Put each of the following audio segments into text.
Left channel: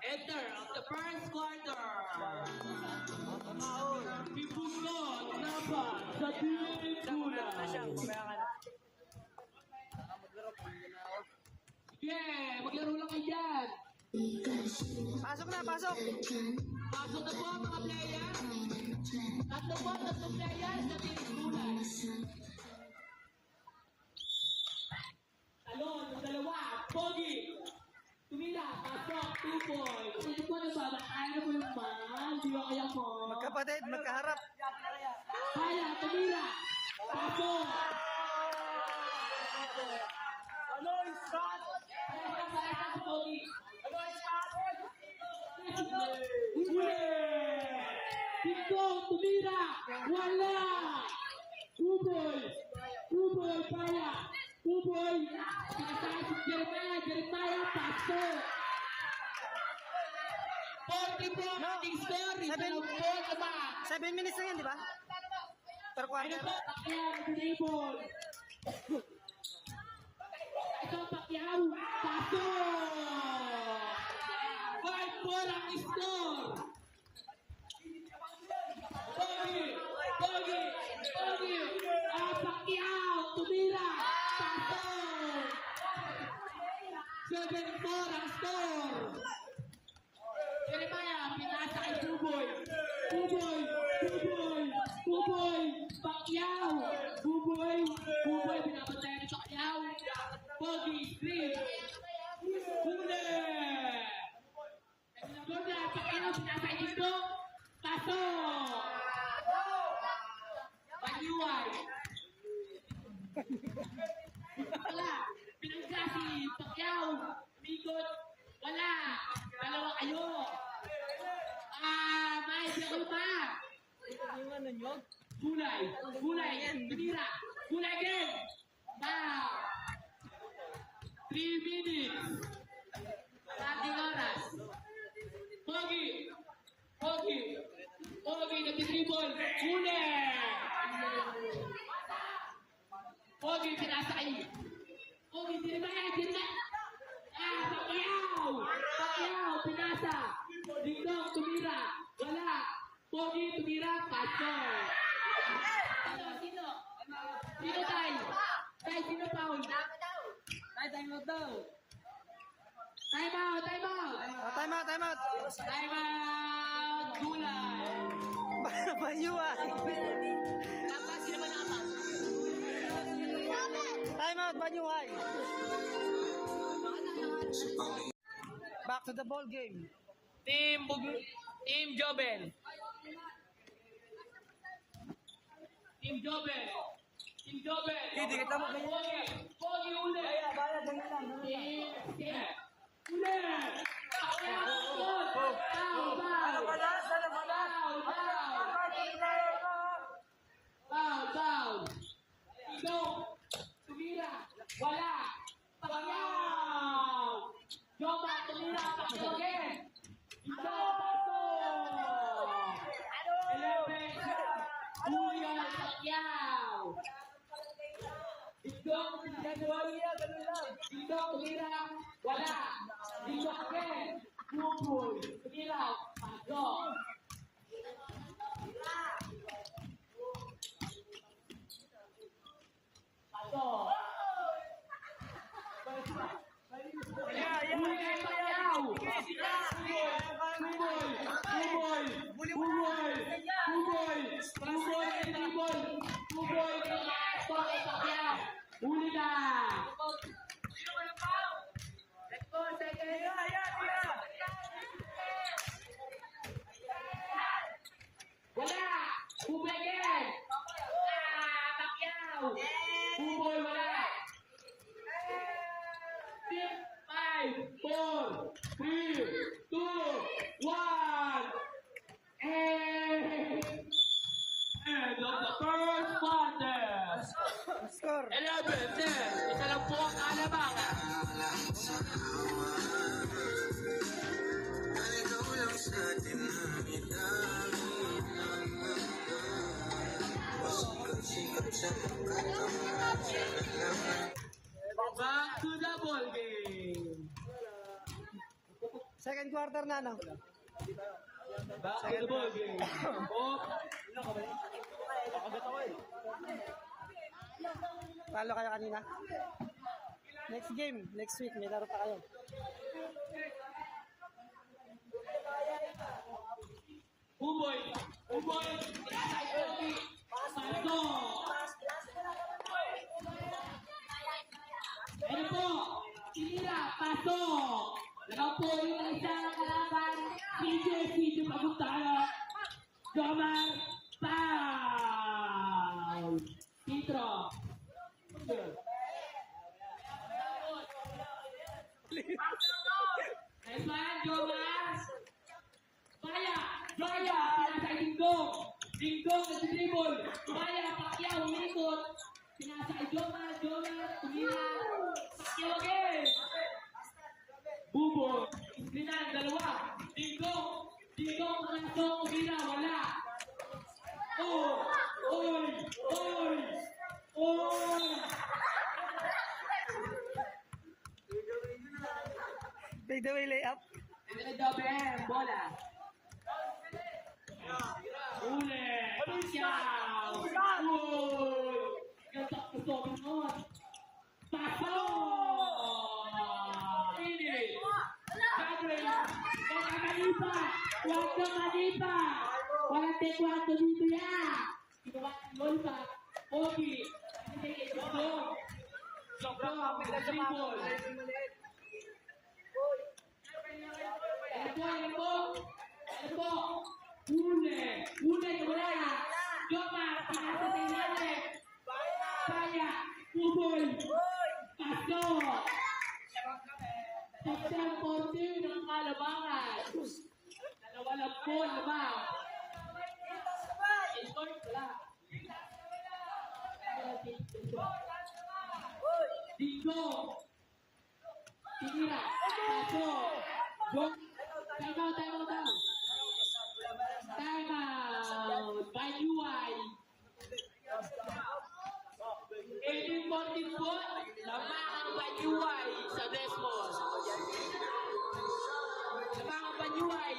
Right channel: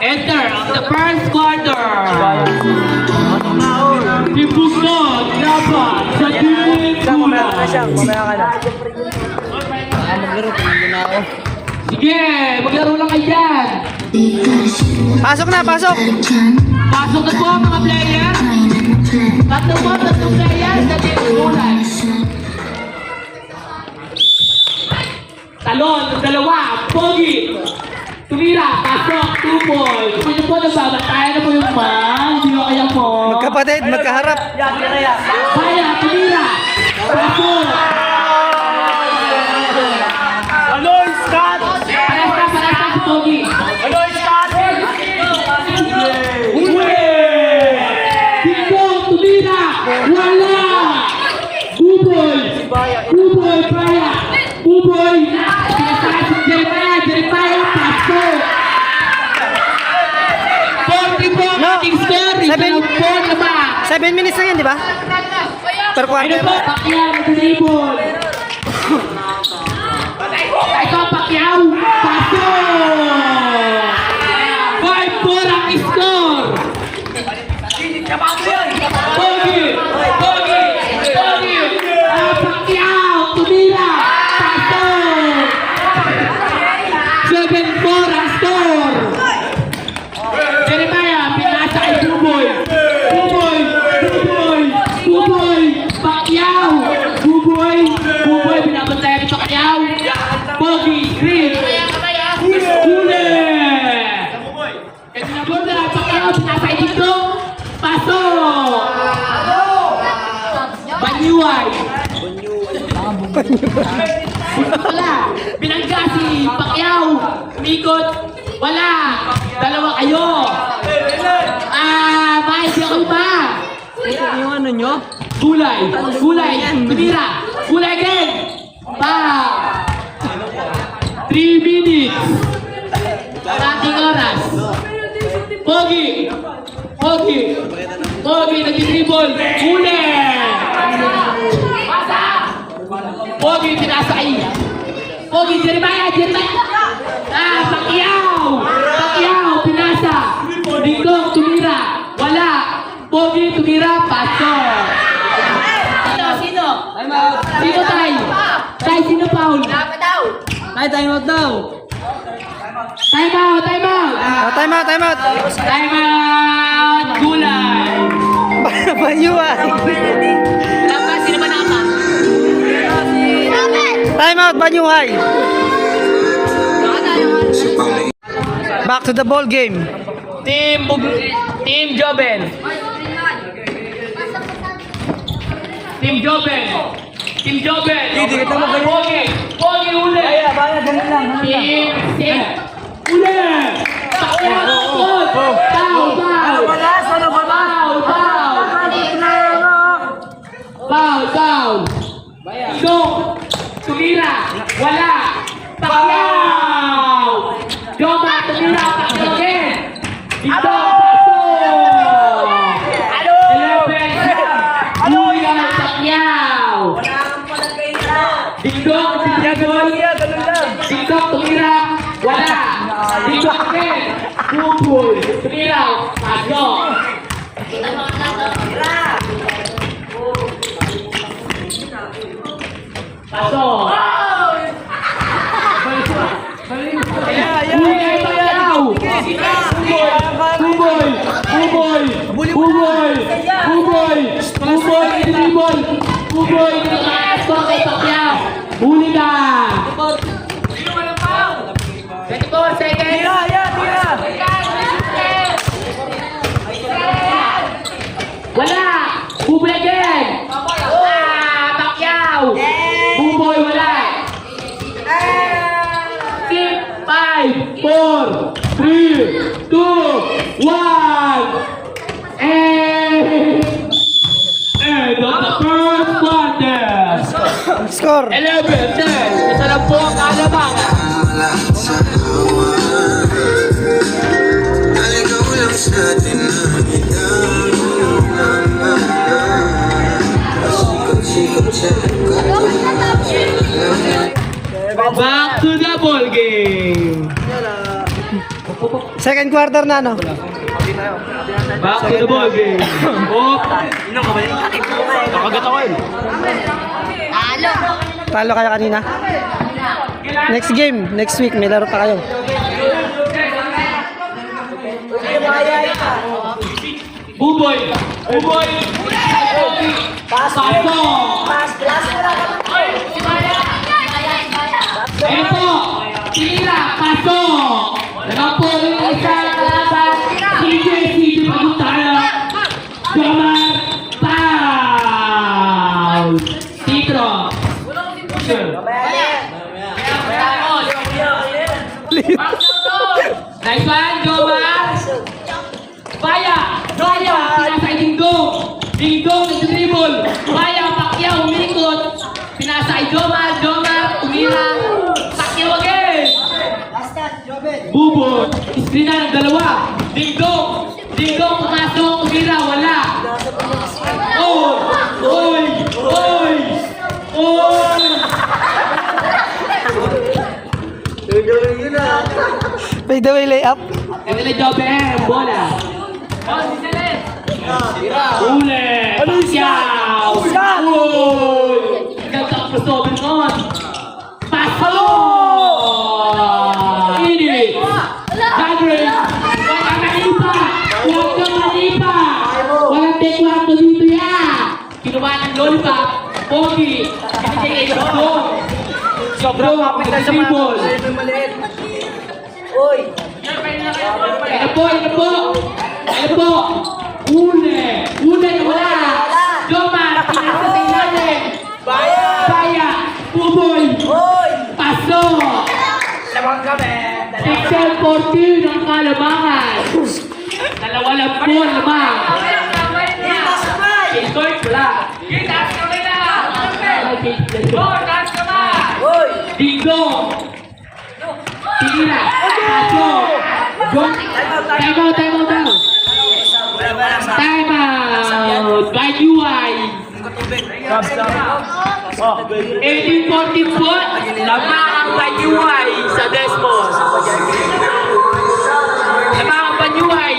enter the first quarter. Ibukod laban sa Team Kulay. Mamaya ka na. Maglaro, tingin na ako. Sige, maglaro lang kayo dyan. Pasok na, pasok! Pasok na po mga player. Tatlong player sa Team Kulay. Talon, dalawa, Pogi. Tumira, pasok, 2 points. Pwede po nababatayan na po yung man. Hindi ko kaya po. Magkapatid, magkaharap. Kaya, tumira. Pasok. Aloy, Scott! Parasta si Pogi. Aloy, Scott! Huli! Dito, tumira. Wala. Buboy. Buboy, kaya. Buboy. Pinasakit si Jeremiah, pasok. 40 po ang ating score. Isang po na ba? 7 minutes na yan, di ba? Per Ano quarter. po, Pacquiao, dribble. Ito, Pacquiao, pasok. 5-4 ang score. Pogi, Pogi, Pogi. Pacquiao, tumira, pasok. 7-4 ang score. Jeremiah, pinasa kay Buboy. Buboy, Buboy, Buboy, Pacquiao. Buboy, Buboy, binabantayan ni Pacquiao. Pogi, Green. Huli. Kaya binabantayan ni Pacquiao, pinasa kay dito. Pasok. Banyuay. Wala. Binangga si Pacquiao. Umikot. Wala. Dalawa kayo. Mahal siya kayo ba? Yung ano nyo? Gulay. Gulay. Tumira. Gulay again. 3 minutes. Ating oras. Pogi. Pogi. Pogi. Nag-dribble. Huli. Pogi. Pinasay. Pogi. Jeremiah. Pacquiao. Pacquiao. Pinasa. Dingdong. Tumira. Wala. Pogi. Tumira. Pasok. Sino? Sino tayo? Tayo sino foul? Ay, time out daw. Time out. Time out. Time out, time out. Time out. Gulay. Bayuan. Sino ba naman? Time out, Banyuhay. Back to the ball game. Team Joben. Team Joben. Team Joben. Hindi kita magaling. Pogi. Pogi uli. Team Sim. Uli. Foul. Foul. Foul. Dong. Tumira. Wala. Pacquiao. Joma. Tumira. Pacquiao again. Dito. Pasok. 11. Luya. Pacquiao. Dingdong. Dingdong. Tumira. Wala. Dingdong again. Buboy. Tumira. Pasok. Pasok. Buboy, Pacquiao. Buboy, Buboy, Buboy, Buboy, Buboy, dribble. Buboy, nakakasok kay Pacquiao. Huli ka. 24 seconds. Wala. Buboy again. Pacquiao. Buboy, wala. 5, 4, 3, 2, 1. And on the first quarter. Score. 11-10. Isa na po ang kalabangan. Back to the ball game. Second quarter na, no? Back to the ball game. Oh, Nakagat ako yun. Talo kayo kanina. Next game, next week, may laro pa kayo. Buboy. Buboy. Paso. Ito. Tira. Paso. Nakapo yung isa kalaban. CJ Pagutaya. Jomar. Foul. Titro. Nice one, Jomar. Baya. Pinasa Dingdong. Dingdong nag-dribble. Baya, Pacquiao, umikot. Pinasa ay Jomar, tumira. Pacquiao again. Bubo, iskrina ng dalawa. Dingdong, pumasok, umira, wala. Oy! Fade away layup. Ito na job bola. Ule! Pacquiao! Uy! Nagkakasober nun! Paso! Init! Hagrid! Huwag kang manipa! Walang tekwato dito yan! Kinuha ng lollipop, Pogi, binigay kay Jogdong. Jogdong, nag-dribble. Ano po? Ule na wala. Jomar, pinasa sa ilalim. Baya. Buboy. Paso. 6-14 ang kalamangan. Dalawa lang po lamang. Score wala. Dingo. Tira. Paso. Time out by UI. 18-14 po. Lamang ang by UI sa Desmos. Lamang ang by UI.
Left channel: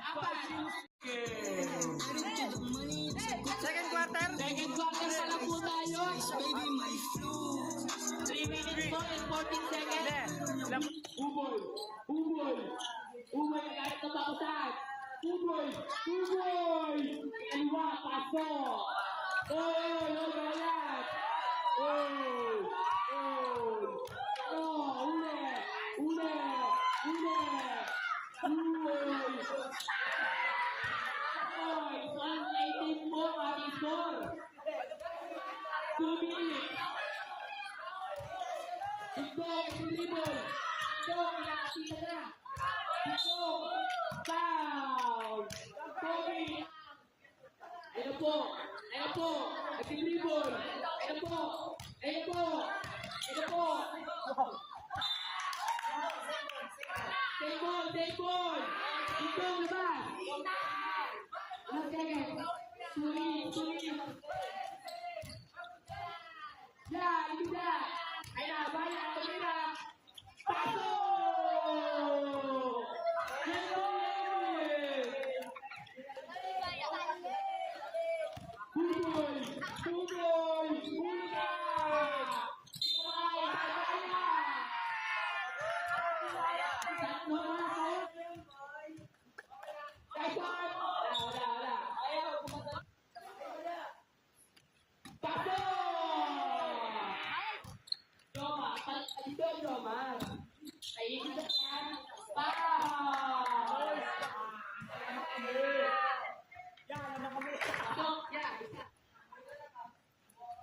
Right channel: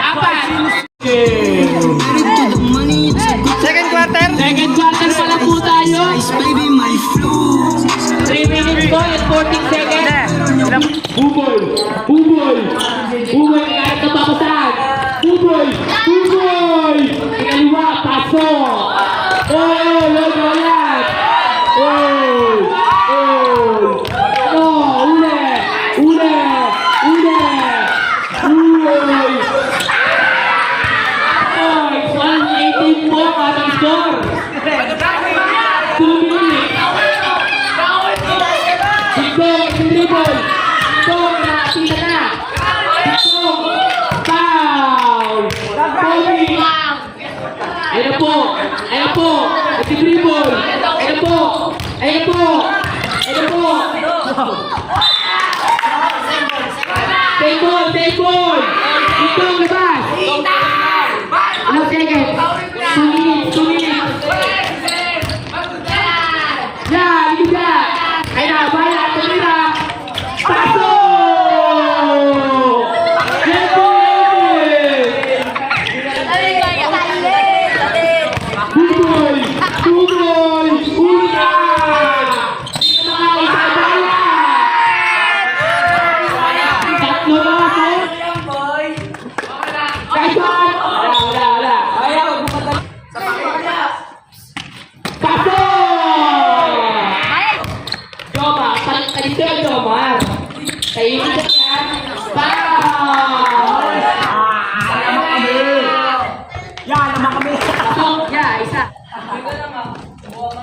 Apat. Second quarter. Second quarter pa lang po tayo. 3 minutes po and 14 seconds. Buboy. Kahit napapasan. Buboy. Ikaliwa, paso. Logoyan. Ule. Oy, 118 po ang score. 2 minutes. Dingdong, dribble. Dingdong, nakakita na. Dingdong, foul. Pogi. Ayan po. Nag-dribble. Ayan po. Take ball. Dingdong, labas. Ilang seconds? 2 minutes. Liga. Kaya Baya, tumira. Paso! Buboy! Una! Tatlo na ako. Kaisan! Wala. Paso! Jomar, palit ka dito, Jomar. Kainin ka yan. Foul! Isa.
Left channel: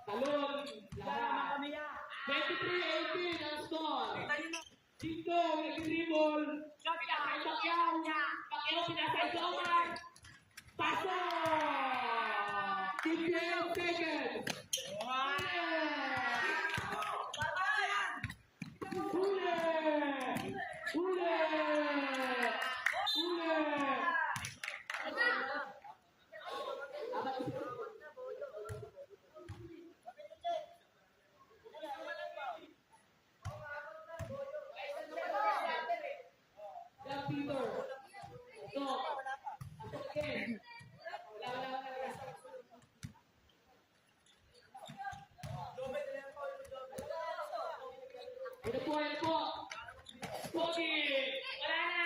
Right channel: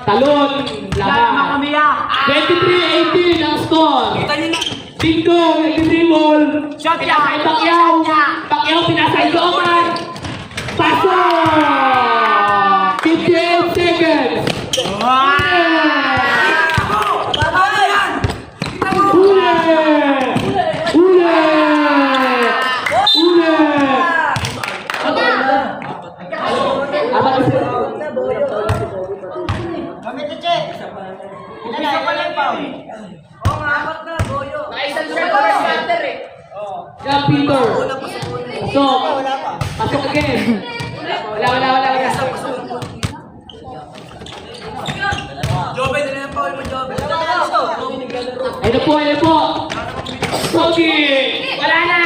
Talon. Lamang. 23-18 ang score. Dingo, nag-dribble. Pinasay Pacquiao, pinasay Jomar. Paso! 58 seconds. Wala Peter. Pasok. Pasok again. Wala. Ayun po. Pogi! Wala na!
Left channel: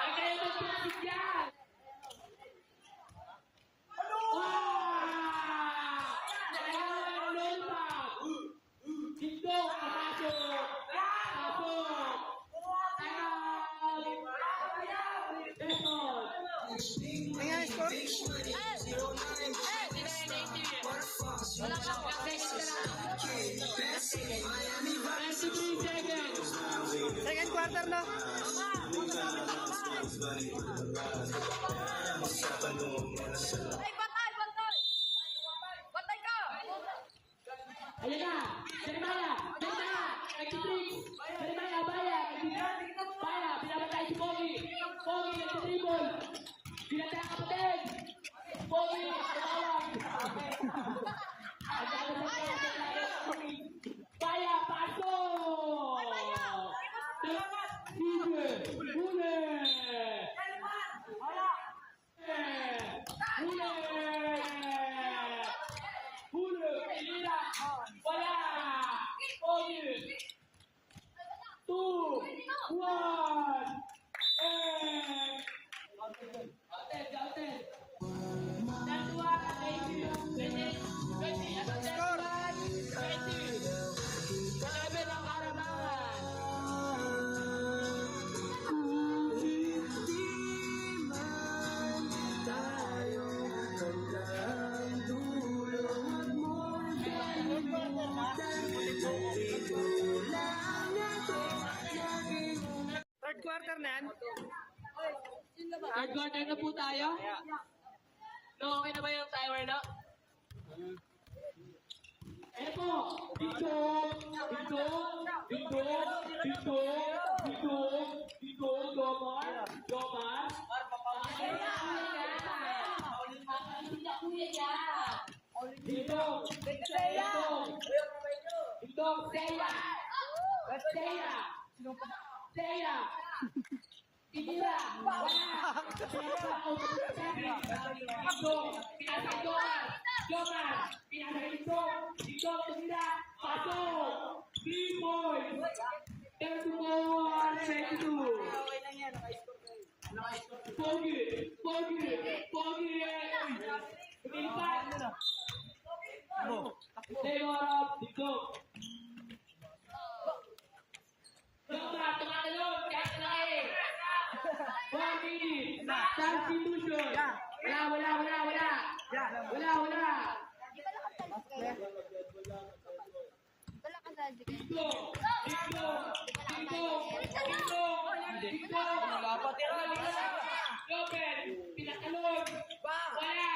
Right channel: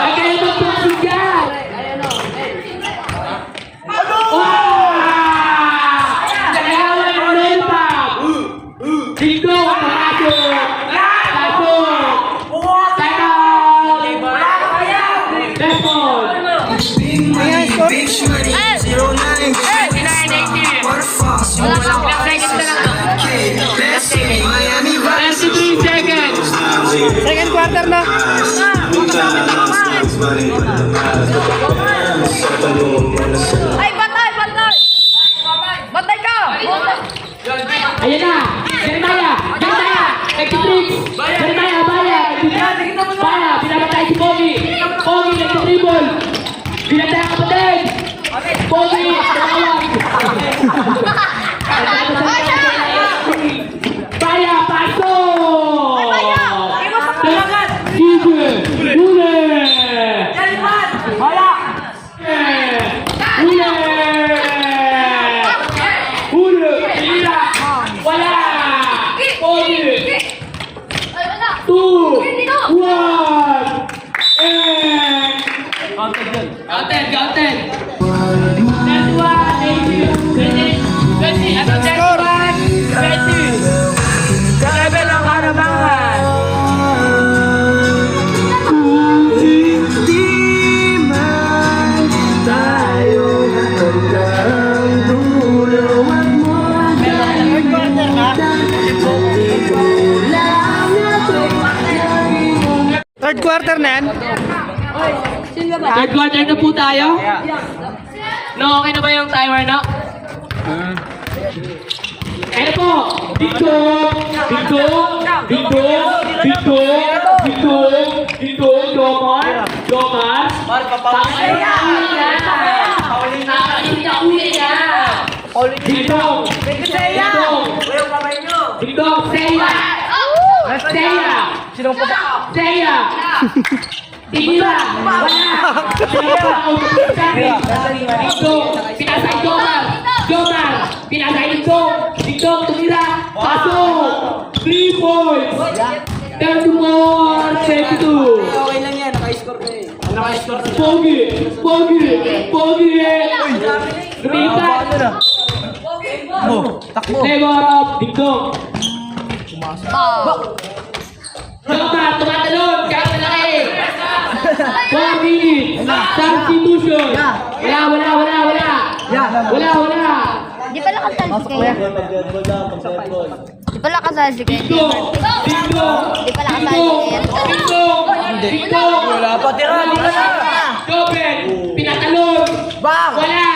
Huwag kayo magpapasok dyan! Wow! Nagawa ng lollipop! Dito! Pasok! Time out! Left on! Ayan, score. 23 seconds! Second quarter na. Ay, batay! Batay ka! Ayan na! Jeremiah! Nag-tricks! Jeremiah, Baya! Pinabatay si Pogi! Pogi, nag-dribble! Pinatay ang kapatid! Pogi! Nakawag! Baya, pasok! Sige! Huli! Huli! Tira! Wala! Pogi! 2, 1, and... Counted! That's one, 20, ano, 21, 20. Sa level ng Karabangan. Third quarter na yan. Third quarter na po tayo. No, okay na ba yung timer na? Ano po? Dito! Jomar! Dito! Seya! Tigila! Wala! Dito! Pinasay Jomar! Pinasay Dito! Tumira! Pasok! 3 points! 34! 22! Okay lang yan, naka-score ka eh. Pogi! Lumipat! Never up! Dito! Jomar, tumatalon! Kahit malaki! 4 minutes! Substitution! Wala! Di pala kasal si Kaya. Di pala kasal si Kaya. Dito! Di pala kasal si Kaya. Dito! Wala pa, tira, di ka na. Dobel! Pinatalon! Bang! Wala!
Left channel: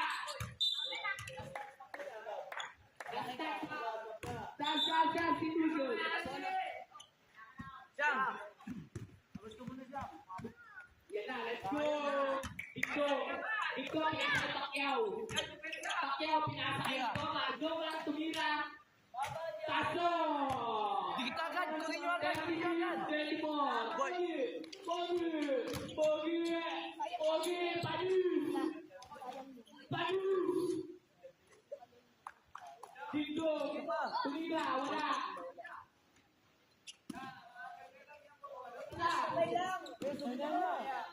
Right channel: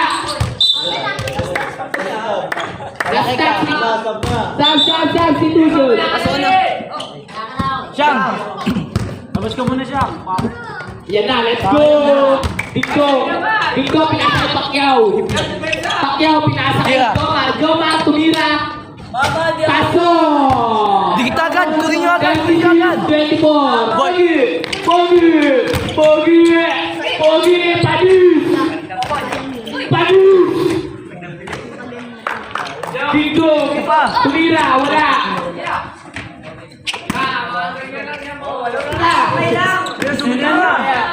Substitution! Siyang! Labas ka muna, Siyang. Yan na, let's go! Dito, pinasa kay Pacquiao, pinasa kay Jomar, tumira. Paso! Digitagan, kunin nyo agad, kunin nyo agad. 24. Pogi, Padus. Dito, tumira, wala.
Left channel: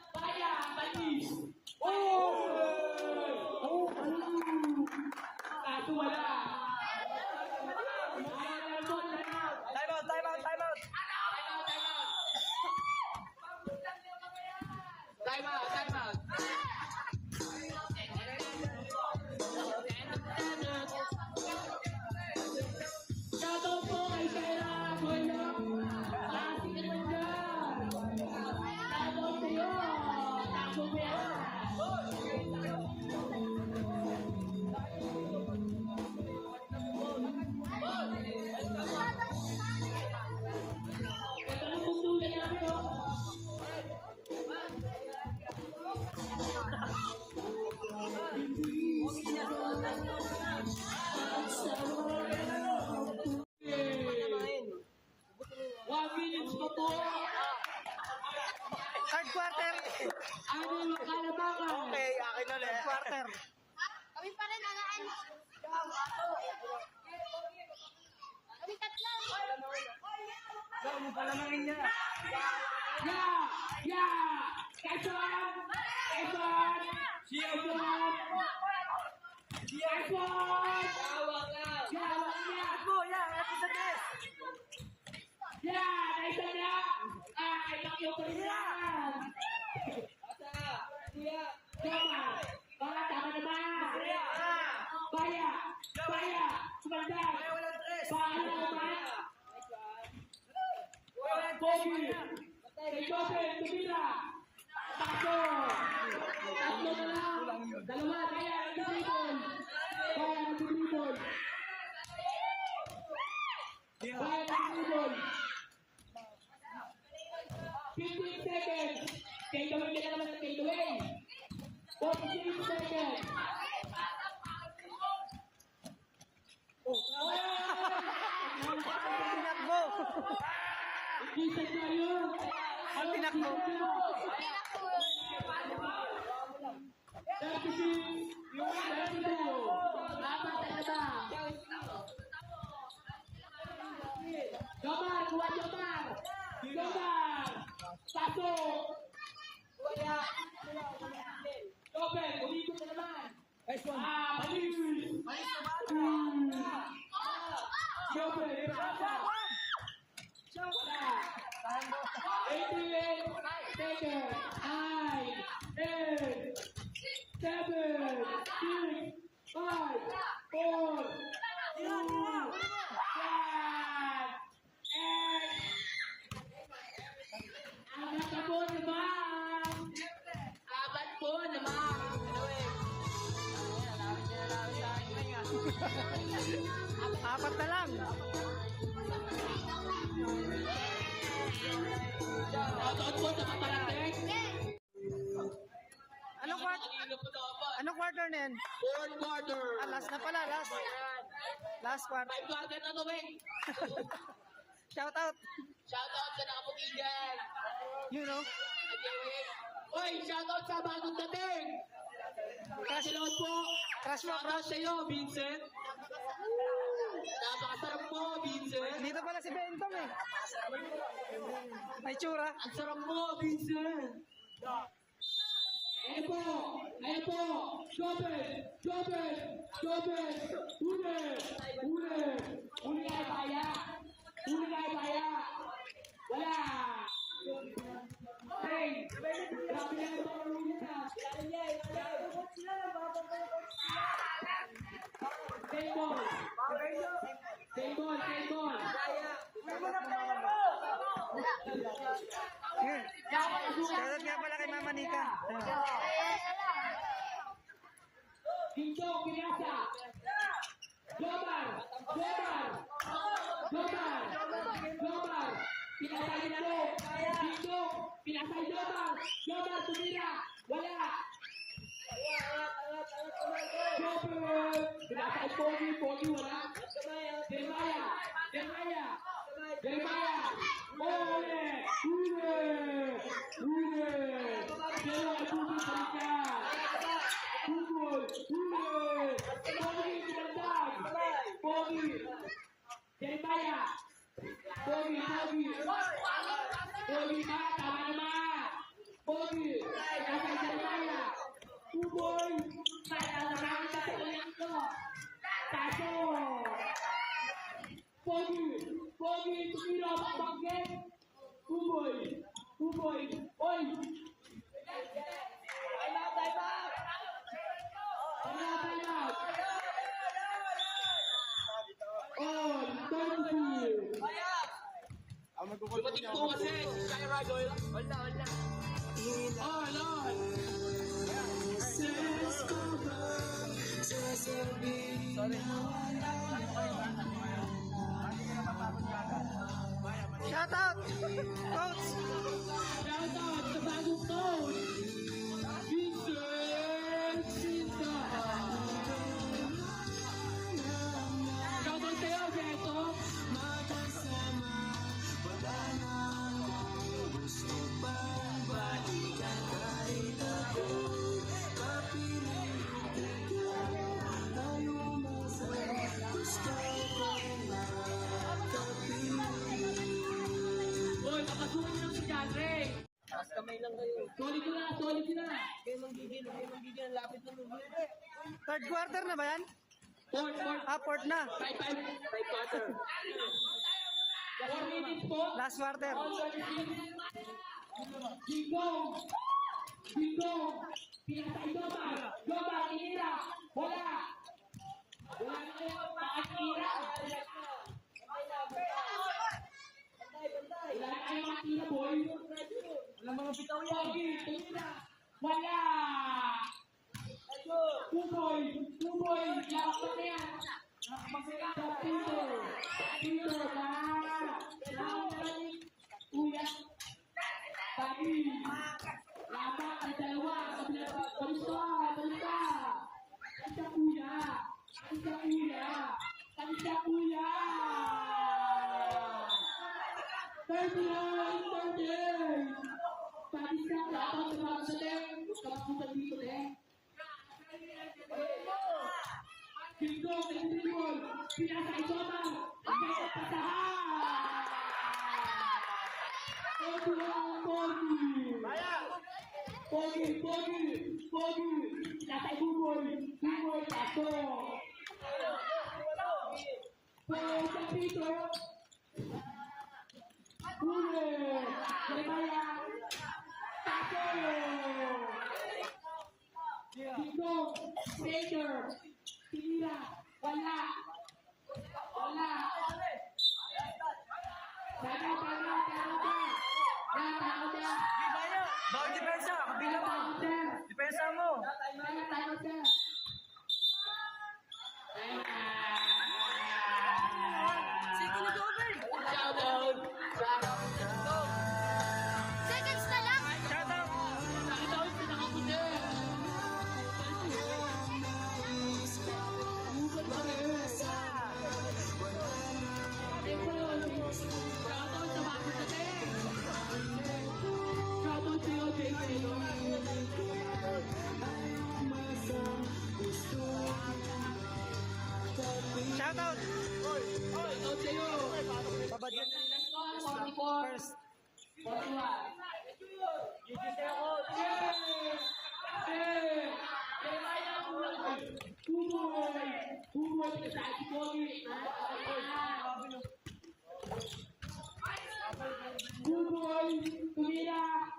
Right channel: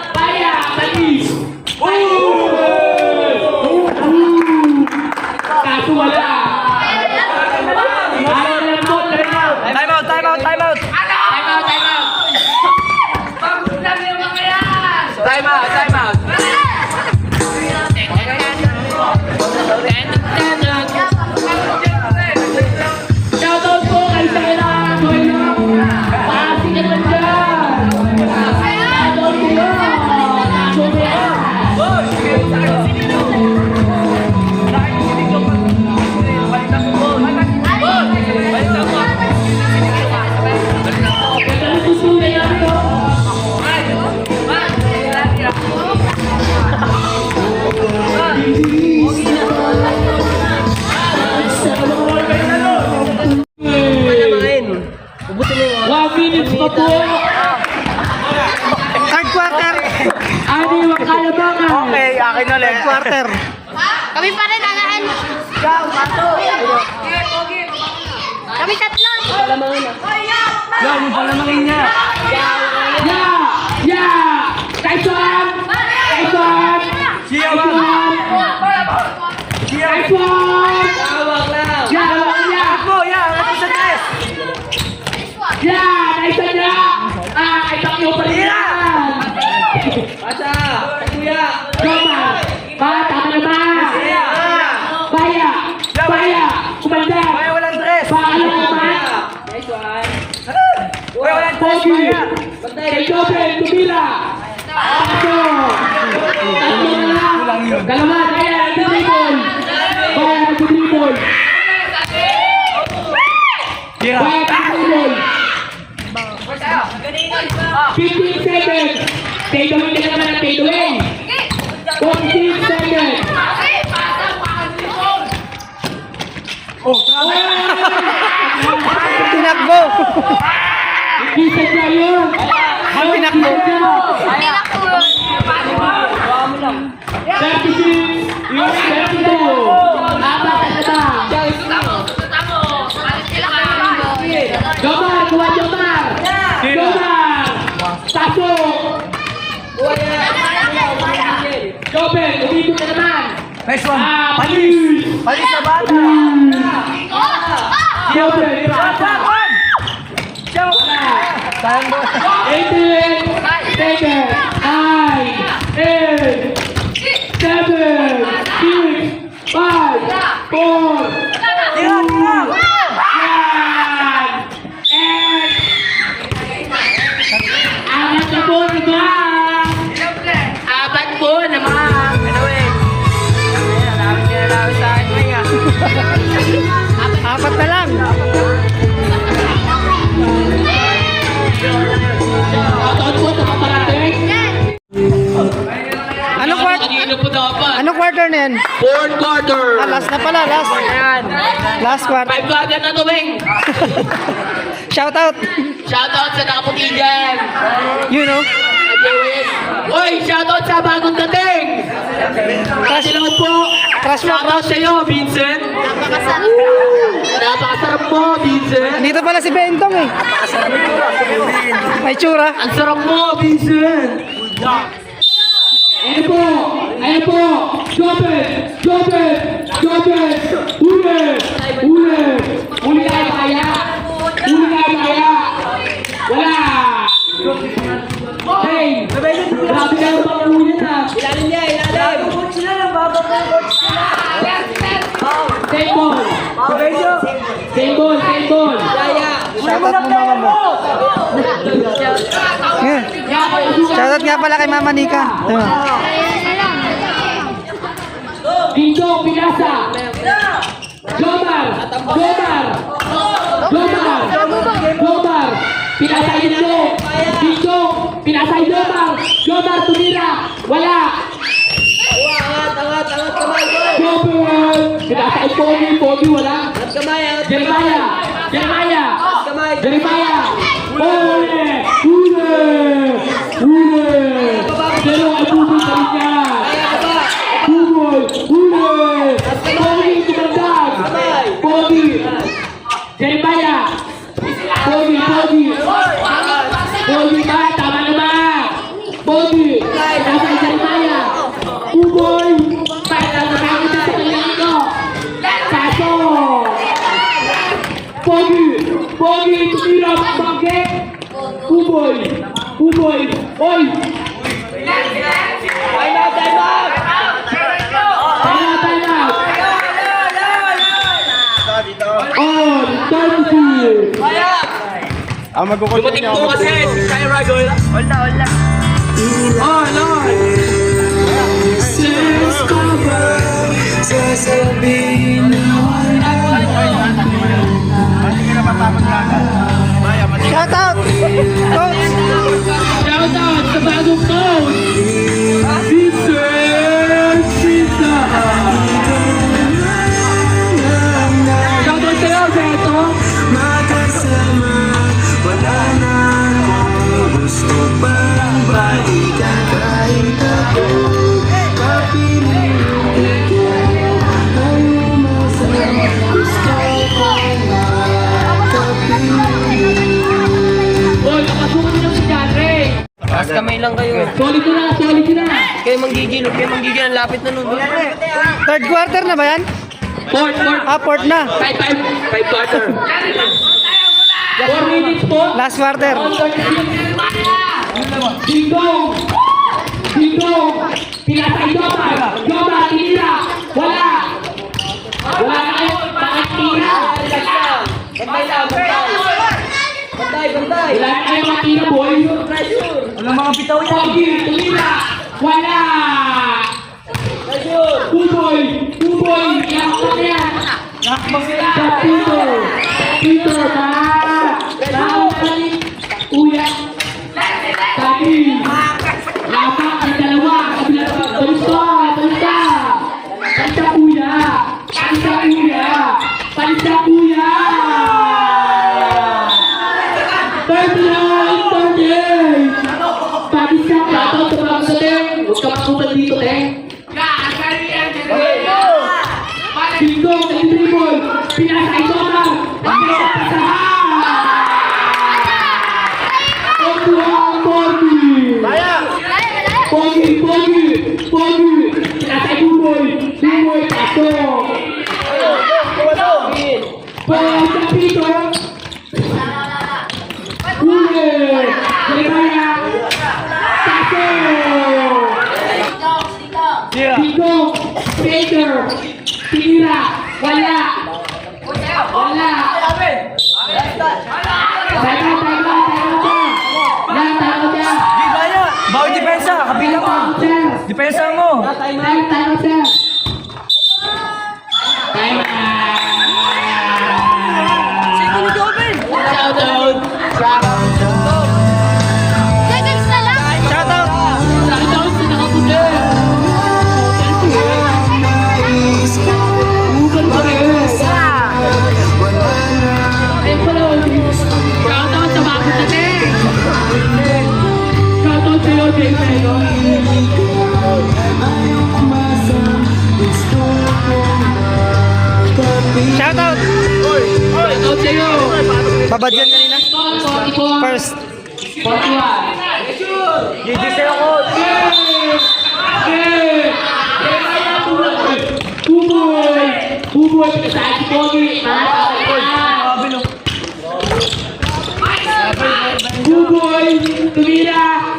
Baya, Padus. Kaso wala. Time out. Time out. Shoutout po kay Sarah Coelho. Paasing ka lang dyan. Shoutout po yan. Third quarter. Ani wag kalabangan. Okay, akin ulit. Third quarter. Kami pa rin, alaan. Kami tatlo. Yan, yung palamangin niya. Nice one. Nice one. Siya ba? Nice one. Tawag lang. Mo, yan. Ano sa tres? Nice one niya. Ibang yung pa rin yan. Pasa. Kuya. Tama. Tama naman. Baya. Kumanda. Ay, walang tres. Paano naman? Nice one. Uy, walang tres. Pogi. Maya. Kay Joben, tumira. Paso. Tatlo na lang. Dalawa, kaya nag-dribble. Baya nag-dribble. Baya nag-dribble. 15 seconds. Take away na naman ang take away. 14 seconds. Tinakbo. Hindi sadya yun. Tinakbo. Hindi na po. 36. Yung 32. Apat na ba? Jomar, kuha Jomar. Jomar. Pasok. Joben, umikot na naman. Nice one. Palis. Palis na bata. Joben, Bakon! wala. Sayang mo. 18 seconds. 9, 8, 7, 6, 5, 4, Tira, tira. Apat na po naman! Apat po naman! Anyway. Alam sa akin, Maya. Apat na lang. Shoutout po sa kaparating! Anong quarter? Kanino po dapat? Anong quarter na yan? Fourth quarter! Last na pala, last. Last quarter. 5 quarter na to, Bing! Shout out. Shoutout sa nakaputi dyan! You know. Uy, shoutout sa bagong dating! Crush, Salamat po! crush mo. Shoutout sa'yo, Vincent! Napakasarap mo, Vincent! Dito pala si Bentong eh. May tsura. Ang sarap mo, Vincent! Ayun po! Ayun po! Joben! Huli tayo kaya! Wala! Hey! Grabe na yung mga huli na! Ilalim niya, ilalim. Same ball! Kaya. Shout out mo mama mo. Yeah. Shout out nga pala kay Mama Nika. Diba? Dito, Pinasa! Jomar! Pinasa Dito! Pinasa Jomar! Jomar, tumira! Wala! Angat kamay. Jomar! Pinasa Pogi, wala! Angat kamay. Jeremiah! Kamay. Huli! Pero ay buboy ka rin yan! Buboy! Pogi, tumandag! Pogi! Jeremiah! Pogi ba? Tama naman! Pogi! Nasa Jeremiah! Buboy! Para nakakita sa kanyang ko! Saso! Pogi! Tumira! Bakit? Buboy! Oy! Time out. Time out! On! 30! Dumating po kasi. Kaya Ragol. Wala. Oh, Lord! Shout out. Coach. Shoutout sa bagong coach! Vincent Sita! Shoutout sa'yo, Beto! Makasama, wala na akong gusto pang balik. Taas kamay lang kayo. Solid na, solid na. Kayo manggigil ang lapit na nun. Third quarter na ba yan? Fourth. Fourth na. Five quarter. 4 minutes po. Last quarter. Dingdong. Pinasay Joma, tinira. Wala na kayo. Bakit tira? Bantay. Wala na kayo matira, boy. Walang mga bitaw yan. Pogi, tinira. Wala. Buboy. Iyak na yan. Sa Peter, Uya. Sabi. Lapak ang dalawa. Palista. Palista, Uya. 39. Palista, plato, tumawag sa ten. Huwag ka masukan dito, ten. Dingdong, nag-dribble. Pinasay Joma. Pogi. Pinasay Buboy. Pasok. Sa Pito. Huli. Jeremiah. Pasok. Dingdong. Peter. Tinira. Wala. Bawal depensa, kabila mo. Depensa mo. Seconds na lang. Shoutout. Babad yan kanina. First. Buboy, pinasay si Pogi. Buboy, tumira.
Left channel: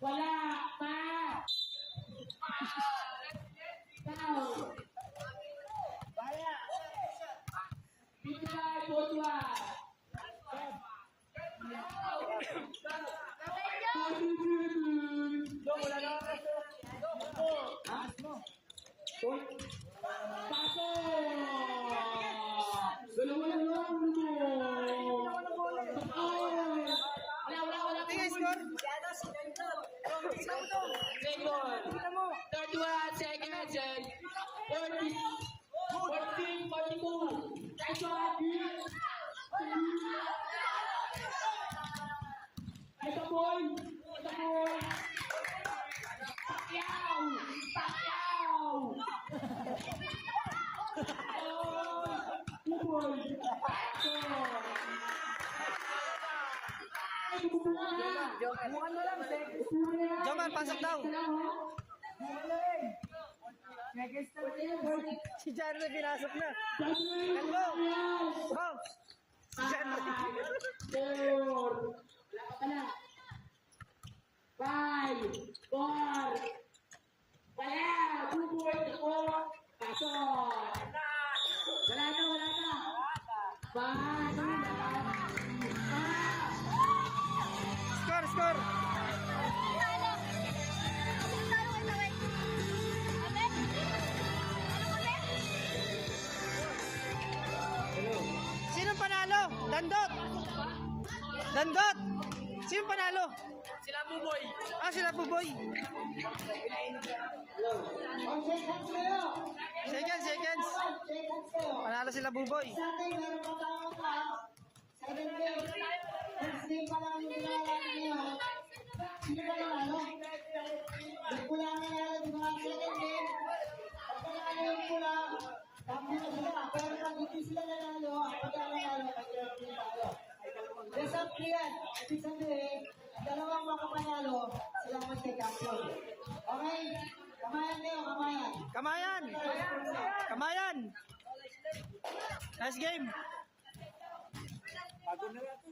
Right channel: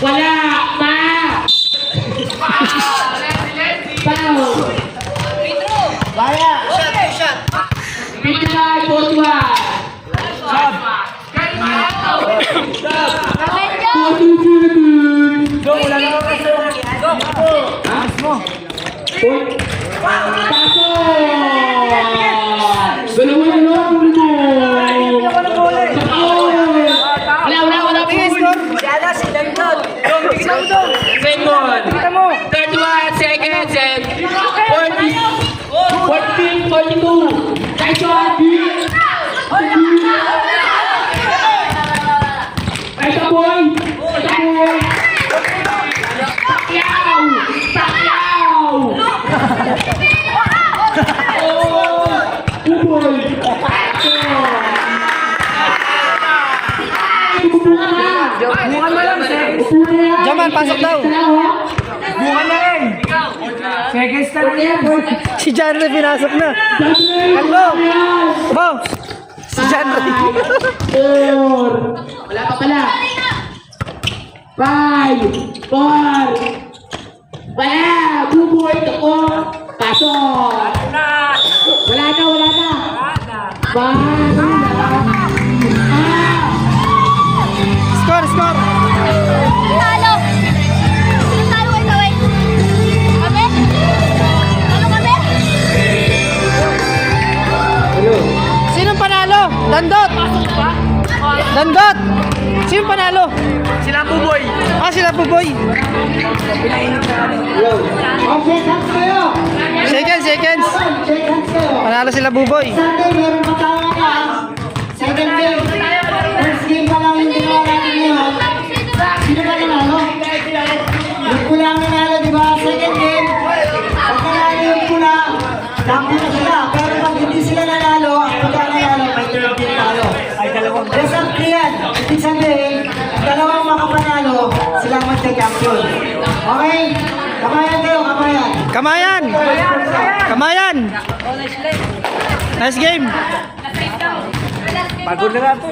Wala. Foul. Pinasay, Pogi. Second. 31 seconds and 40. 14, 42. Tyson. Tyson boy. Pacquiao. Buboy. Jamal, pasok daw. Bukan na rin. Seconds na lang yan. Si John Ray pinasok na. Hello. Bo. Si John Ray. 4. Wala pa pala. 5. 4. Wala. Buboy. Pasok. Wala na. 5. Score. Talo. Sino talo kayo gawin? Kami? Talo kami? Sinong panalo? Dandot. Sinong panalo? Sila Buboy. Sila Buboy. Seconds. Panalo sila Buboy. Sunday, meron pa tayo second game. First game pa lang yung ginawa natin ngayon. Sino ba nanalo? Yung pula ang nanalo, di ba? Second game. Pag nanalo yung pula, tampo na sila. Pero pag hindi sila nanalo, ang pula nanalo, may third game talo. Best of 3 yan. Ibig sabihin, dalawang makapanalo, champion. Okay? Kamayan kayo, kamayan. Kamayan! Kamayan! Nice game! Pagod na nga po.